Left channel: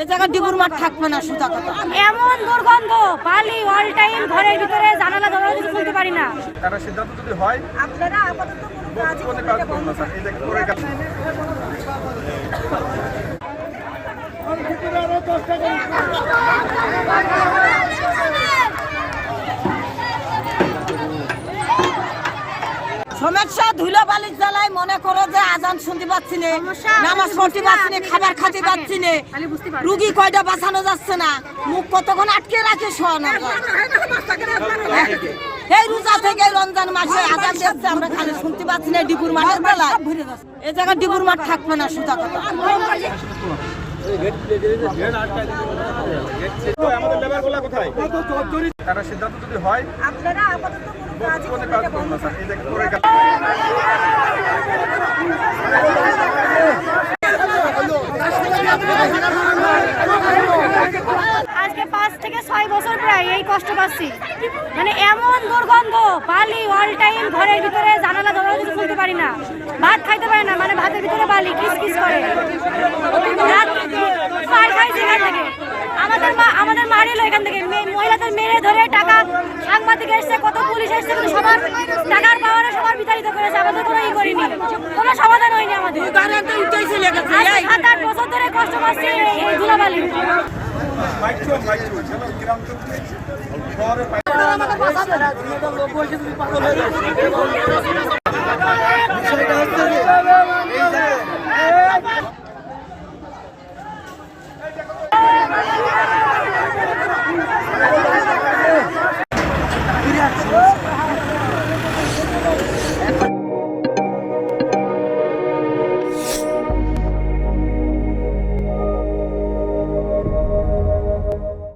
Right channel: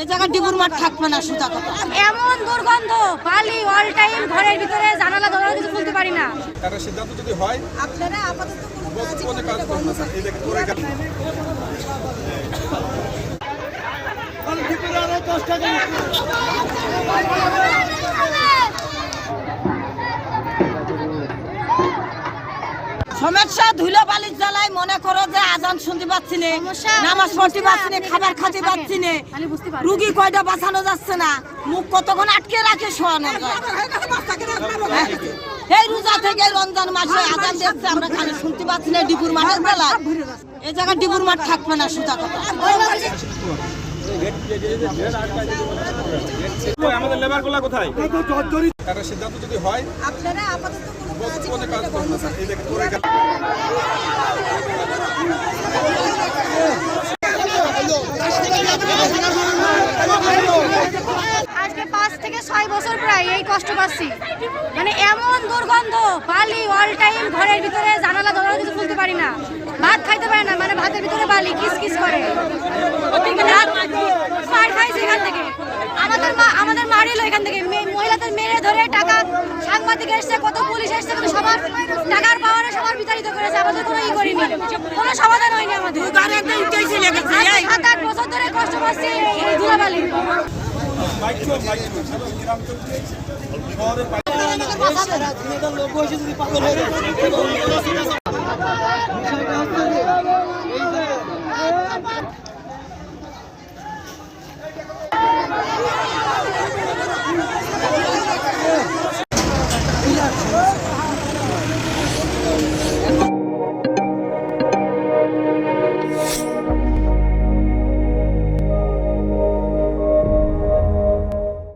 এই জায়গা ডিবুর মাঠ থাকবে না, সুতা কথা। এমন দুর্গন্ধ, বালি অল টাইম ঘরের ভিতরে, জানালা দরজা কিছু খুলতে পারি না। তারা সিদ্ধান্ত যদি হয় আপনারা আপাতত কোনো কাজ করবেন না, বন্ধ সমস্যা ধুলো বালির জ্বালায় মনে করো যে আজান শুনতে পাচ্ছি না, নামাজ পড়তে পাচ্ছি না, খাবার খেতে পাচ্ছি না, রুগী কয়টা বাঁচানো যাচ্ছে না, মুখ কতক্ষণ আটকে রাখে শোয়ানো যায়। এই রোজা থেকে রমজান মাসে আজান দেখছে, আমরা খানে শুনতে পাচ্ছি না ডিবুর মাঠের জ্বালায়। এই জায়গা ডিবুর মাঠ থাকবে না, সুতা কথা। আমাদের লেবারগুলো কোথায়? তারা সিদ্ধান্ত যদি হয় আপনারা আপাতত কোনো কাজ করবেন না, বন্ধ আজকে 5 থেকে 6 বছর প্রায় এই কষ্ট পাচ্ছি। মানে এমন দুর্গন্ধ, বালি অল টাইম ঘরের ভিতরে, জানালা দরজা কিছু খুলতে পারি না, ভাত খাইতে পারি না, মানে ভাতের ভিতরে বালি কিস কিস করে। মার খাইছে এখান থেকে, আমাদের মারিল এখান থেকে, মহিলাদের মেরে ধরে টাকা, সাংবাদিক এসছে, কত পুলিশ এসছে, কিন্তু সবার টাকার পাওয়ারে সবার বিতাড়িত করেছে। আমাদের কোনো ই করিনি, কোনো সমাধান হয়নি আমাদের। আজ 7-8 বছর ধরে কষ্ট পাচ্ছি এই ধুলাবালি। বিষয়টা হচ্ছে